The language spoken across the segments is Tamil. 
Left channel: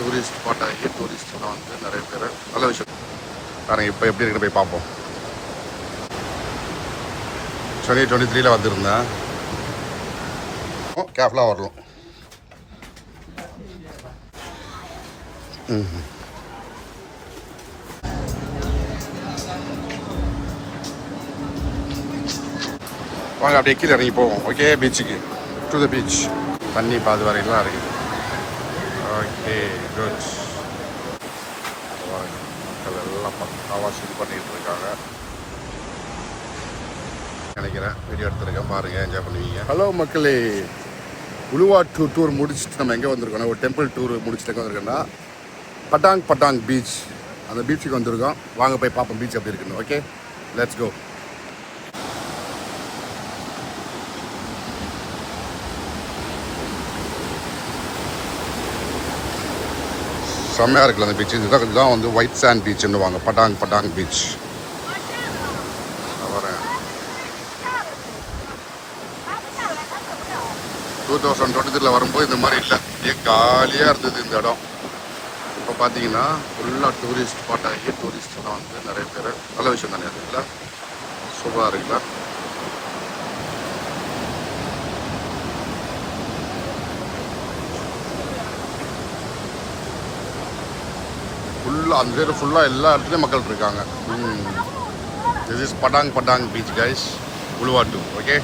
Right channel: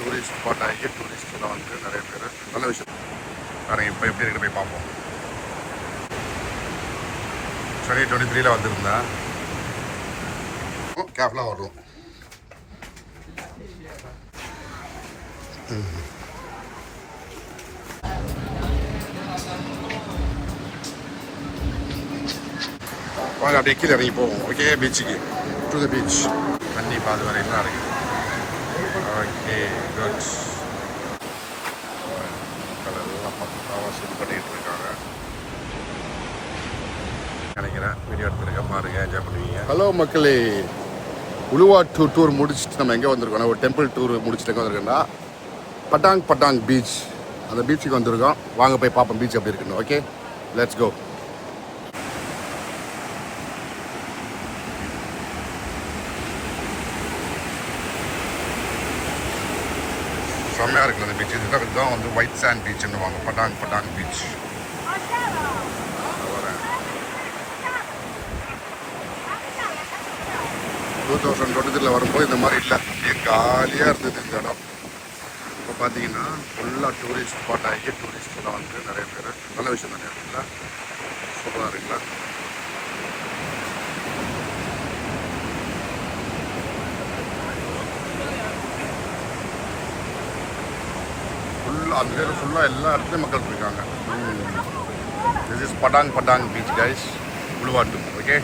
டூரிஸ்ட் ஸ்பாட் ஆகி டூரிஸ்ட்லாம் வந்து நிறைய பேர் நல்ல விஷயம். ஆனால் இப்போ எப்படி இருக்கிற போய் பார்ப்போம். 2023 வந்திருந்தேன். கேப்லாம் வரணும். வாங்க அப்படியே கீழே இறங்கி போவோம். ஓகே, பீச்சுக்கு டு த பீச். தண்ணி பாது வரைக்கும் இருக்கு. Okay, good. எல்லாம் பக்காவாக செட் பண்ணிகிட்டு இருக்காங்க நினைக்கிறேன். வீடியோ எடுத்துருக்கேன், பாருங்கள், என்ஜாய் பண்ணுவீங்க. ஹலோ மக்களே, உலுவாட்டு டூர் முடிச்சுட்டு நம்ம எங்கே வந்திருக்கோம்? ஒரு டெம்பிள் டூர் முடிச்சுட்டு எங்கே வந்திருக்கோன்னா பட்டாங் பீச். அந்த பீச்சுக்கு வந்திருக்கோம். வாங்க போய் பார்ப்போம் பீச் எப்படி இருக்குன்னு. Okay, let's go. செம்மையாக இருக்குல்ல அந்த பீச். இதுதான் வந்து ஒயிட் சாண்ட் பீச்சுன்னு வாங்க, பட்டாங் பீச். வரேன். 2023 வரும்போது இந்த மாதிரி இல்லை, காலியாக இருந்தது இந்த இடம். இப்போ பார்த்தீங்கன்னா ஃபுல்லாக டூரிஸ்ட் ஸ்பாட் ஆகி டூரிஸ்ட்லாம் வந்து நிறைய பேர் நல்ல விஷயம் தானே இருக்குல்ல, சூப்பராக இருக்குல்ல. ஃபுல்லாக அந்த சைடு ஃபுல்லாக எல்லா இடத்துலையும் மக்கள் இருக்காங்க. This is Padang beach guys, Uluwatu. Okay,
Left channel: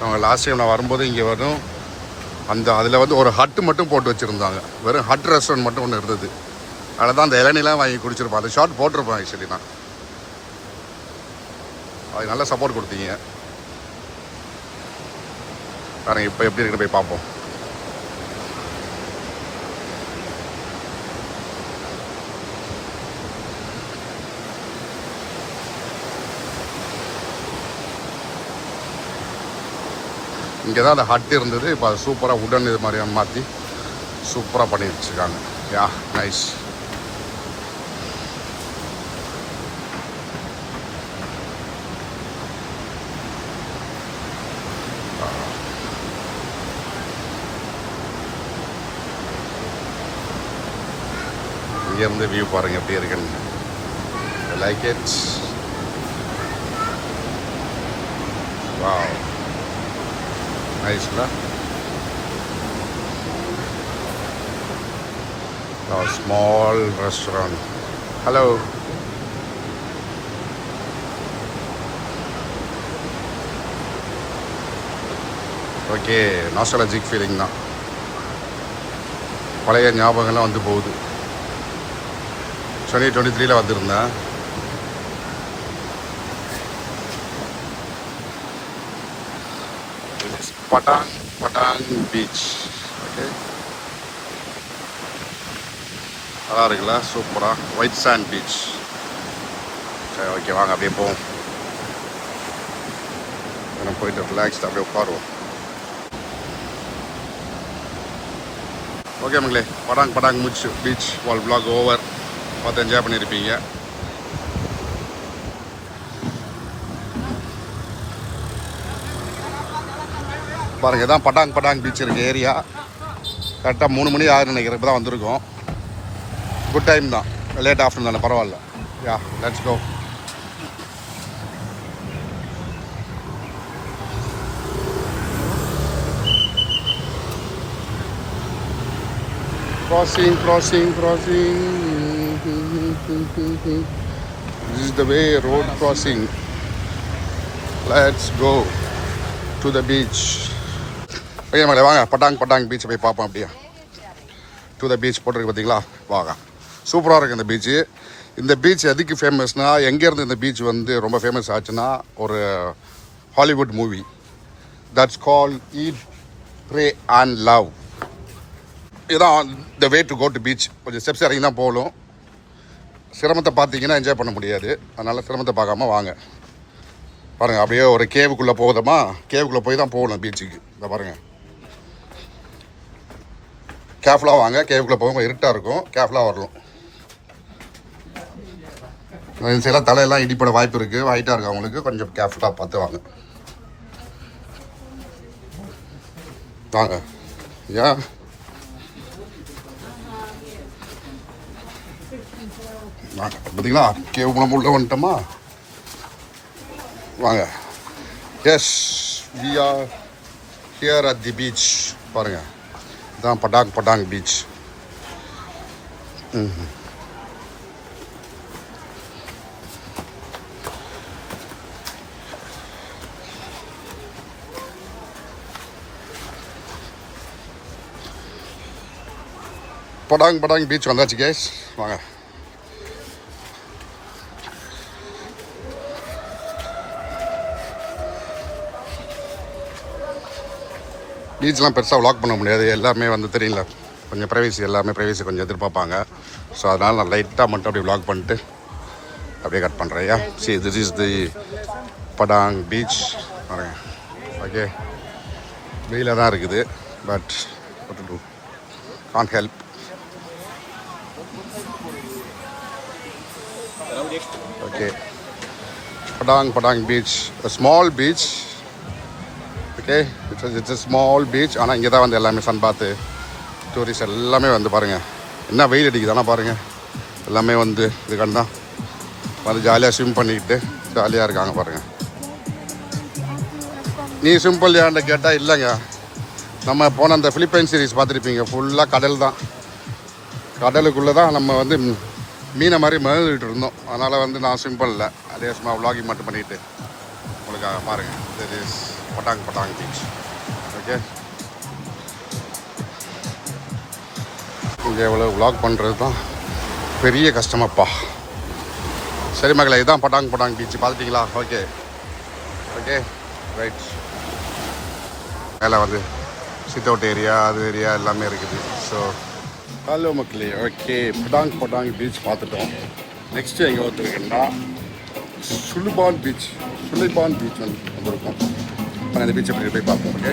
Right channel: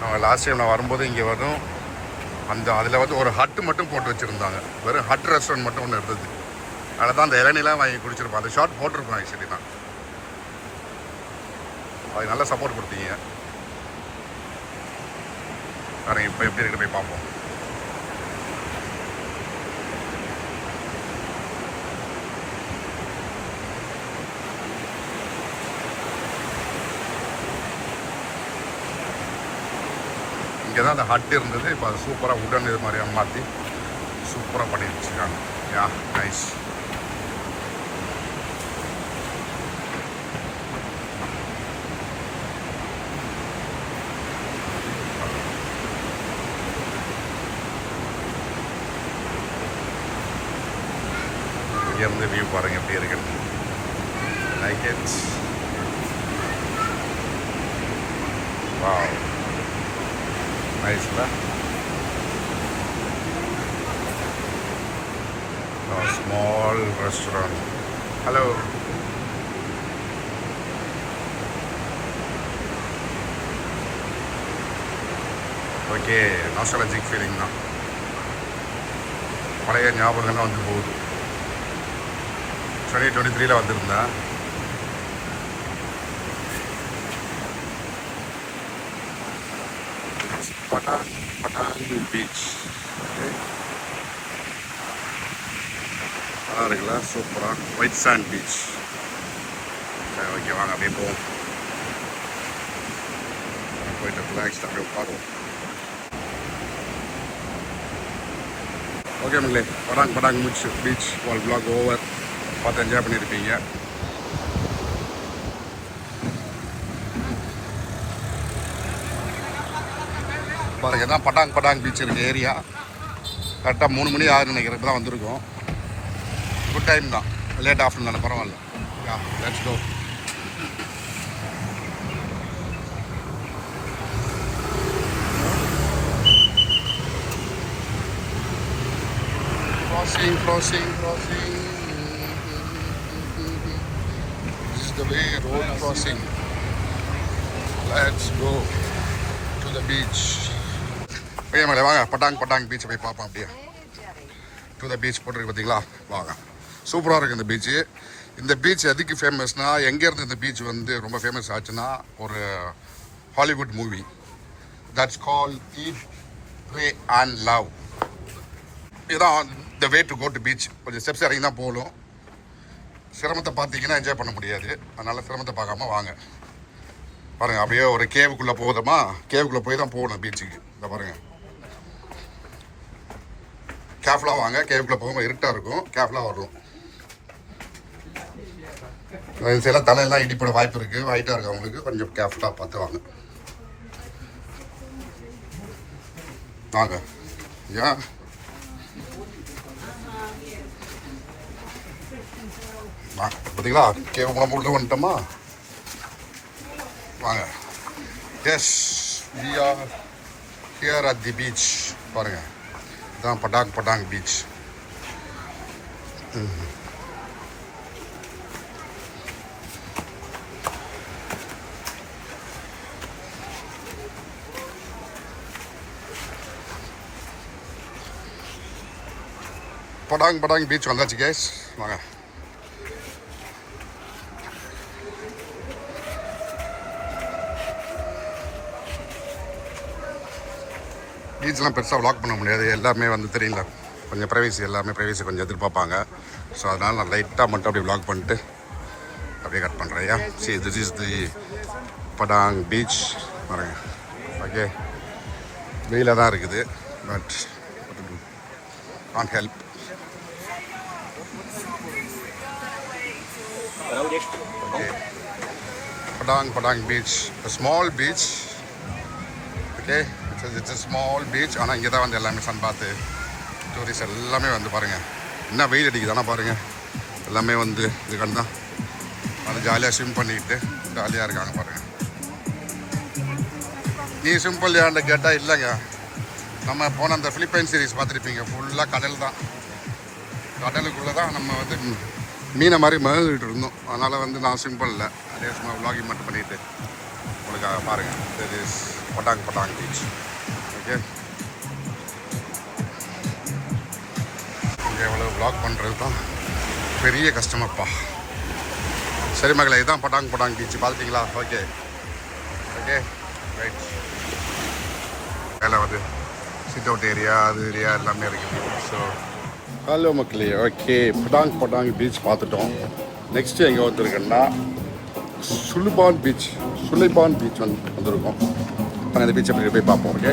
நாங்கள் லாஸ்ட் டைம் நான் வரும்போது இங்கே வரும் அதில் வந்து ஒரு ஹட்டு மட்டும் போட்டு வச்சுருந்தாங்க. வெறும் ஹட் ரெஸ்டாரண்ட் மட்டும் ஒன்று இருந்தது. அதில் தான் அந்த இளநிலாம் வாங்கி குடிச்சிருப்போம். அந்த ஷார்ட் போட்டிருப்போம் ஆக்சுவலி. நான் அது நல்லா சப்போர்ட் கொடுத்தீங்க. ஆனால் இப்போ எப்படி இருக்கிற போய் பார்ப்போம். இங்கே தான் அந்த ஹட் இருந்தது. இப்போ அது சூப்பராக உடன் இது மாதிரியான மாற்றி சூப்பராக பண்ணி வச்சுருக்காங்க. யா, நைஸ். இங்கேருந்து வியூ பாருங்கள் எப்படி இருக்குன்னு. Like it. வாவ், நைஸ்ல. Small restaurant. Hello, okay, nostalgic feeling தான். பழைய ஞாபகங்கள்லாம் வந்து போகுது. 2023 வந்திருந்தேன். பட்டாங் பீச். ஓகே, நல்லா இருக்குல்ல, சூப்பராக ஒயிட் சாண்ட் பீச். சரி, ஓகே, வாங்க அப்படியே போவோம். போயிட்டு ரிலாக்ஸ்ட் அப்படியே உட்காருவோம். ஓகே மக்களே, பட்டாங் பீச் வால் vlog ஓவர். பார்த்து என்ஜாய் பண்ணியிருப்பீங்க. பாருங்க, இதான் பட்டாங் பீச் இருக்க ஏரியா. கரெக்டாக 3 மணி ஆகுதுன்னு நினைக்கிறேன். இப்போ தான் வந்திருக்கோம். குட் டைம் தான், லேட் ஆஃப்டர்நூன் தானே, பரவாயில்ல. Yeah, let's go. Crossing. This is the way, road crossing. Let's go to the beach. Okay மேலே வாங்க, பட்டாங் பீச்சை போய் பார்ப்போம். அப்படியே டு த பீச் போட்டிருக்கு பார்த்தீங்களா, வாங்க. சூப்பராக இருக்குது இந்த பீச்சு. இந்த பீச் எதுக்கு ஃபேமஸ்னால், எங்கேருந்து இந்த பீச் வந்து ரொம்ப ஃபேமஸ் ஆச்சுன்னா, ஒரு Hollywood movie that's call eat pray and love. இதுதான் the way to go to beach. கொஞ்சம் ஸ்டெப்ஸ் இறங்கி தான் போகணும். சிரமத்தை பார்த்தீங்கன்னா என்ஜாய் பண்ண முடியாது. அதனால் சிரமத்தை பார்க்காம வாங்க. பாருங்கள், அப்படியே ஒரு கேவுக்குள்ளே போகுதமா, கேவுக்குள்ளே போய் தான் போகணும் பீச்சுக்கு. இந்த பாருங்கள், கேஃப்லாம் வாங்க. கேவுக்குள்ளே போகும்போது இருட்டாக இருக்கும், கேஃப்லாம் வரணும். சில தலையெல்லாம் இடிப்பட வாய்ப்பு இருக்குது. ஹைட்டாக இருக்குது அவங்களுக்கு, கொஞ்சம் கேர்ஃபுல்லாக பார்த்து வாங்க. வாங்க யா பார்த்தீங்களா கேவ் உள்ள வந்துட்டோமா வாங்க yes we are here at the beach பாருங்கள் இதுதான் பட்டாங் பீச் பட்டாங் பீச் வந்தாச்சு கேஸ் வாங்க பீச்லாம் பெருசாக விளாக் பண்ண முடியாது எல்லாமே வந்து தெரியல கொஞ்சம் ப்ரைவசி எல்லாமே ப்ரைவசி கொஞ்சம் எதிர்பார்ப்பாங்க ஸோ அதனால் நான் லைட்டாக மட்டும் அப்படியே விளாக் பண்ணிட்டு அப்படியே கட் பண்ணுறேன் yeah see this is the Padang beach பாருங்க ஓகே வெயிலாக தான் இருக்குது but what to do can't help okay Padang beach small beach okay it's small beach ஆனால் இங்கே தான் வந்து எல்லாமே சன் பாத்து டூரிஸ்ட் எல்லாமே வந்து பாருங்கள் என்ன வெயில் அடிக்குது ஆனால் பாருங்கள் எல்லாமே வந்து இதுக்கான தான் வந்து ஜாலியாக ஸ்விம் பண்ணிக்கிட்டு ஜாலியாக இருக்காங்க பாருங்கள் நீ சிம்பிள் ஏன்ட்ட கேட்டால் இல்லைங்க நம்ம போன அந்த ஃபிலிப்பைன் சீரீஸ் பார்த்துருப்பீங்க ஃபுல்லாக கடல் தான் கடலுக்குள்ளே தான் நம்ம வந்து மீனை மாதிரி மகிழ்ந்துக்கிட்டு இருந்தோம் அதனால் வந்து நான் சிம்பிள் இல்லை அதே சும்மா விளாகிங் மட்டும் பண்ணிக்கிட்டு உங்களுக்காக பாருங்கள் this is Padang beach okay இங்கே எவ்வளோ விளாக் பண்ணுறது தான் பெரிய கஷ்டமாப்பா சரி மகளே இதுதான் Patong beach பார்த்துட்டிங்களா okay okay right மேலே வந்து சிட் அவுட் ஏரியா அது ஏரியா எல்லாமே இருக்குது ஸோ ஹலோ மக்களே ஓகே பட்டாங் பீச் பார்த்துட்டோம் நெக்ஸ்ட்டு எங்கே வந்துருக்குன்னா சுலைபான் பீச் வந்திருக்கோம் நாங்கள் அந்த பீச்சை போய் பார்ப்போம் ஓகே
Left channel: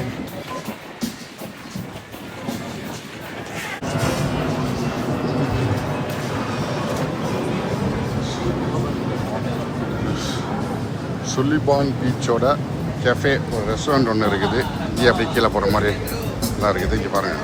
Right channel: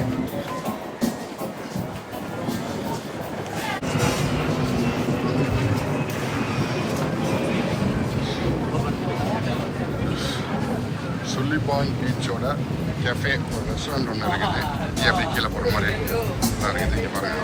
சுலைபான் பீச்சோட கேஃபே ஒரு ரெஸ்டாரண்ட் ஒன்று இருக்குது இங்கே அப்படி கீழே போகிற மாதிரி எல்லாம் இருக்குது இங்கே பாருங்கள்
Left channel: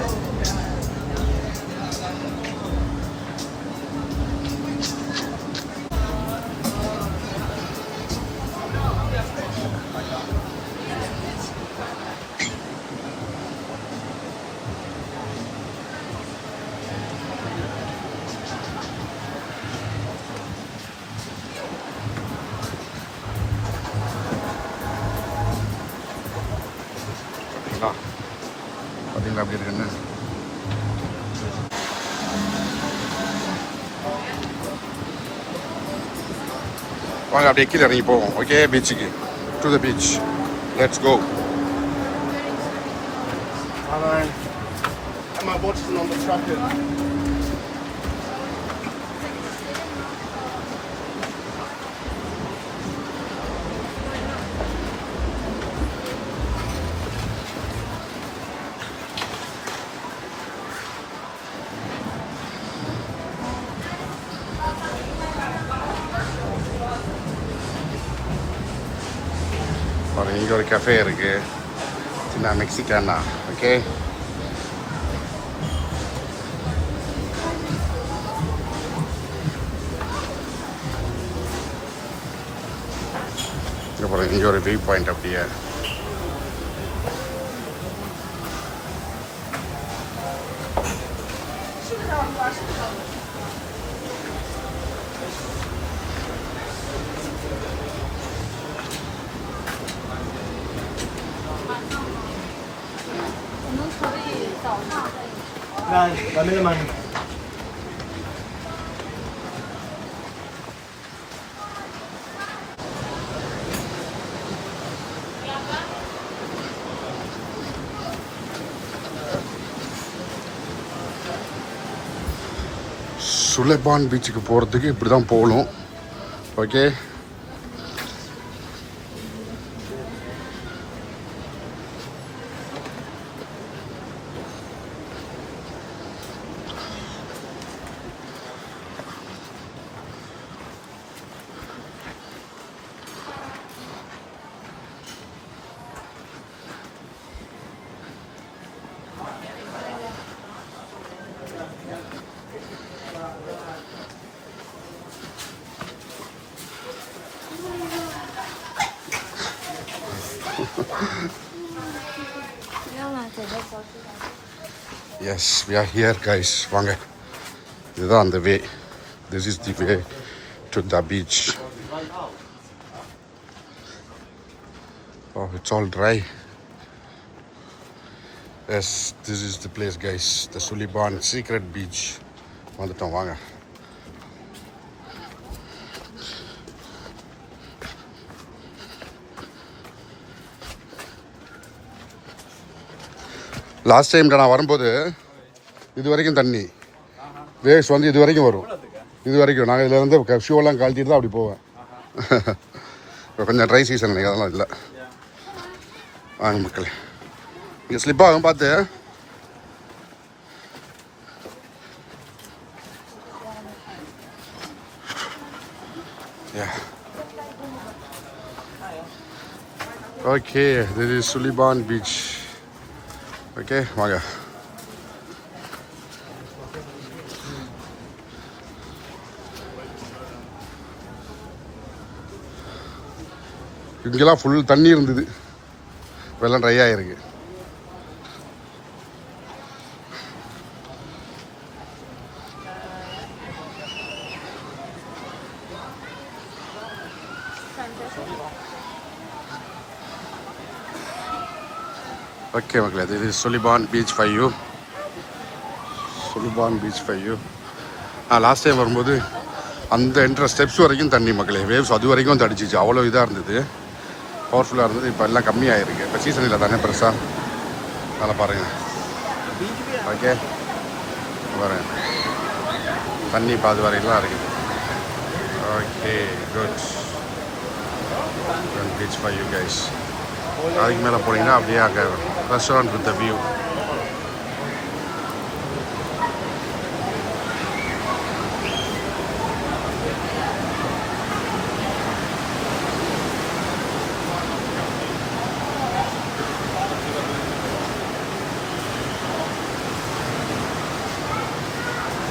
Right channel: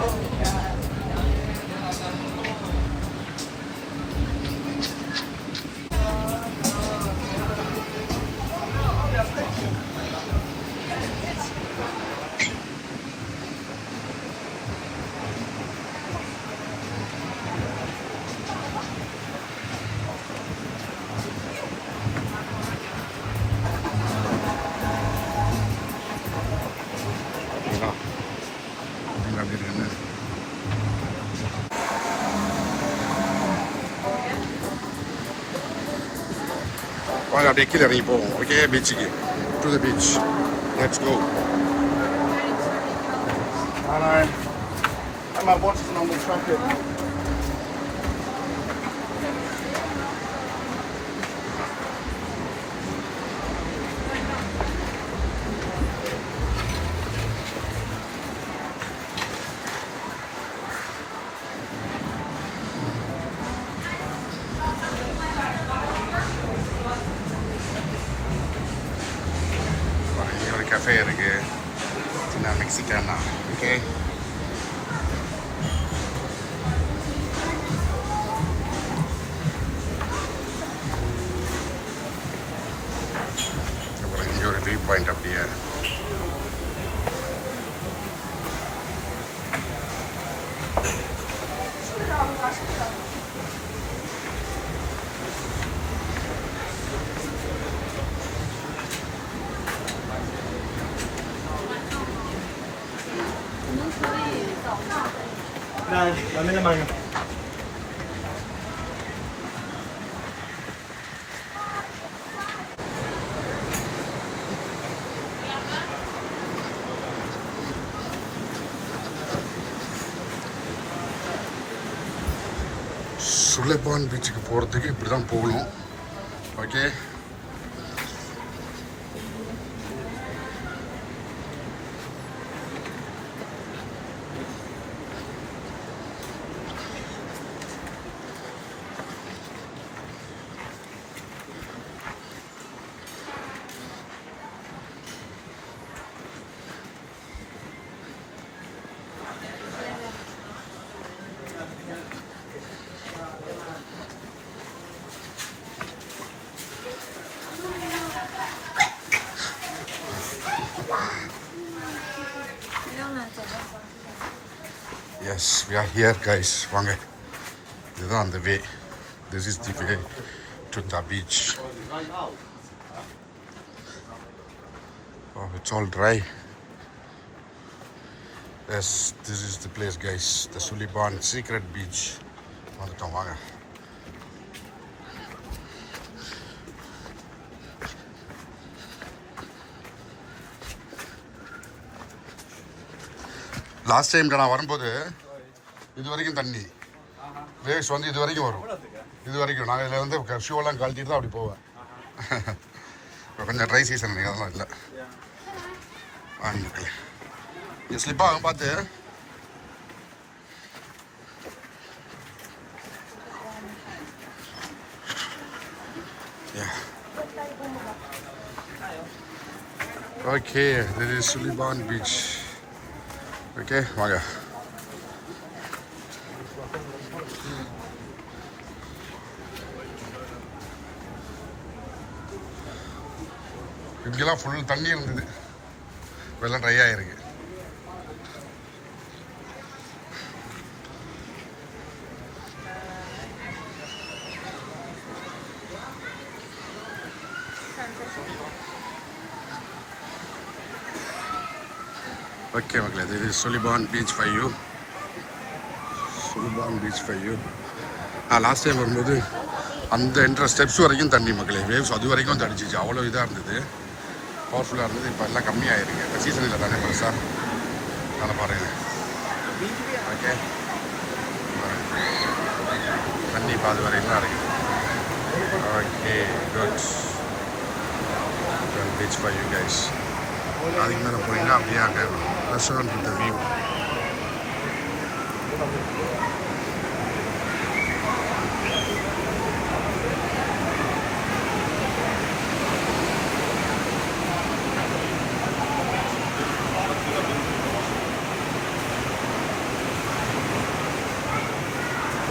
பார்த்தீங்களா அப்படி இருக்குன்னு வாங்க அப்படியே கீழே இறங்கி போவோம் ஓகே பீச்சுக்கு to the beach let's go I'm watching on the traffic. இங்கே ஒரு கஃபே இருக்குது சின்ன மெக்சிகானா ஓகே அப்புறம் இங்கே ஒரு வியூ பாயிண்ட் அப்படியே சுலைபான் பீச்சுக்கு போகிறதுக்கு இப்படி தான் போகணும் okay Yes, we are here, guys. வாங்க. இதுதான் அந்த வே. This is the way to the beach. Oh, it's all dry. Yes, this is the place, guys. The Suliban Secret Beach. வந்துட்டோம் வாங்க. லாஸ்ட் டைம் நான் வரும்போது இது வரைக்கும் தண்ணி வேவ்ஸ் வந்து இது வரைக்கும் வரும். இது வரைக்கும் நாங்கள் இதில் வந்து ஷூவெல்லாம் கழட்டிட்டு தான் அப்படி போவேன். இப்போ கொஞ்சம் ட்ரை சீசன் நீங்கள் அதெல்லாம் இல்லை. வாங்க மக்கள், இங்கே ஸ்லிப் ஆகும் பார்த்து. Okay, this is Suluban beach. Okay வாங்க. இங்கெல்லாம் ஃபுல் தண்ணி இருந்தது, வெள்ளம் ட்ரை ஆகிருக்கு. ஓகே மக்களே, இது Suluban beach for you. Suluban beach for you. நான் லாஸ்ட் டைம் வரும்போது அந்த என்ட்ர ஸ்டெப்ஸ் வரைக்கும் தண்ணி மக்களே, வேவ்ஸ் அது வரைக்கும் தடிச்சிச்சு. அவ்வளோ இதாக இருந்தது, பவர்ஃபுல்லாக இருந்தது. இப்போ எல்லாம் கம்மியாகிருக்கு. இப்போ சீசன் இல்லை தானே பெருசாக, அதனால் பாருங்கள். ஓகே பாருங்கள், தண்ணி இப்போ அது வரைக்கும் தான் இருக்குது. Okay good. Beach for you guys. அதுக்கு மேலே போனீங்கன்னா அப்படியே அங்கே restaurant with view.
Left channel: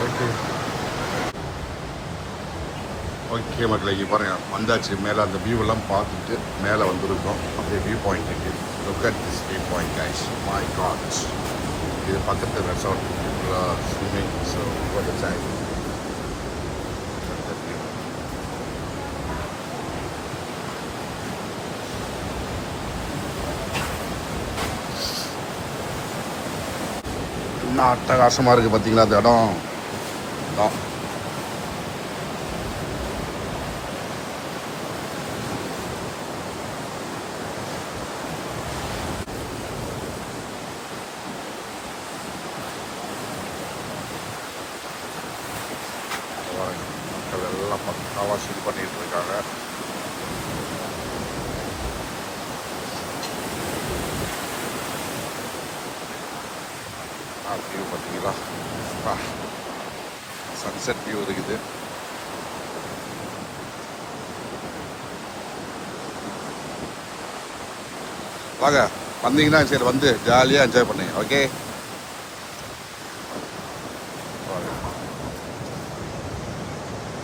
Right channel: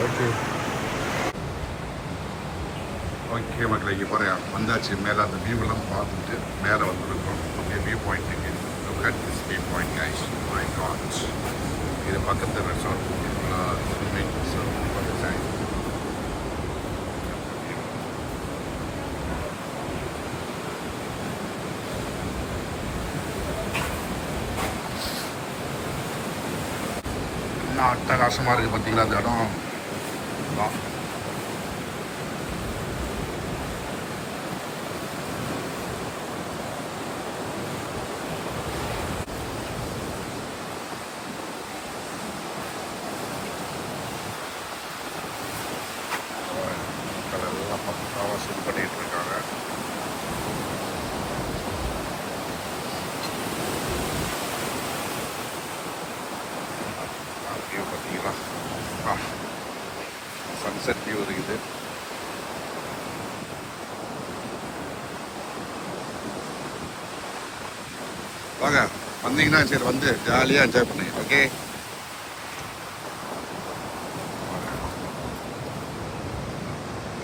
Okay okay மக்களே, இங்கே பாருங்க வந்தாச்சு. மேலே அந்த வியூவெல்லாம் பார்த்துட்டு மேலே வந்துருக்கோம். அப்படியே வியூ பாயிண்ட் இருக்குது. Look at this view point guys. My god, இது பக்கத்து ரெசார்ட் ஸ்விம்மிங். ஸோ வந்துச்சேன். இன்னும் அட்டகாசமாக இருக்குது பார்த்தீங்களா அந்த இடம். எல்லாம் பக்காவாக இது பண்ணிகிட்டு இருக்காங்க. வியூ பார்த்தீங்களா, சன்செட் வியூ இருக்குது. வாங்க வந்தீங்கன்னா சரி வந்து ஜாலியாக என்ஜாய் பண்ணுங்க. ஓகே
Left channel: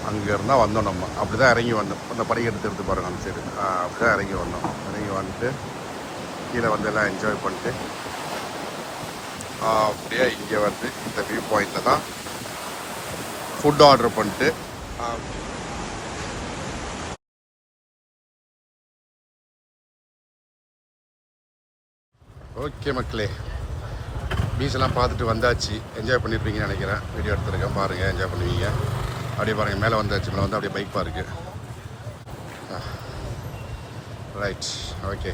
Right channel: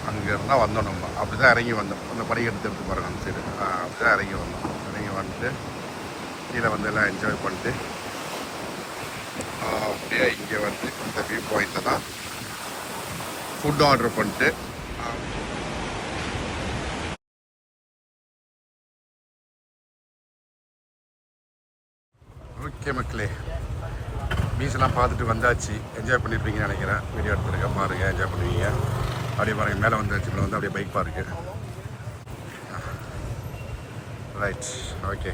அங்கே இருந்தால் வந்தோம். நம்ம அப்படி தான் இறங்கி வந்தோம். அந்த படிக்கட்டு எடுத்து பாருங்கள் அந்த சைடு. அப்படி தான் இறங்கி வந்தோம். இறங்கி வந்துட்டு கீழே வந்து எல்லாம் என்ஜாய் பண்ணிட்டு அப்படியே இங்கே வந்து இந்த வியூ பாயிண்டில் தான் ஃபுட் ஆர்டர் பண்ணிட்டு ஓகே மக்களே, பீச்செல்லாம் பார்த்துட்டு வந்தாச்சு. என்ஜாய் பண்ணிட்டுருக்கீங்கன்னு நினைக்கிறேன். வீடியோ எடுத்துருக்கேன் பாருங்கள், என்ஜாய் பண்ணுவீங்க. அப்படியே பாருங்கள் மேலே வந்தாச்சு. மேலே வந்து அப்படியே பைக் பார்க்கு. Right okay.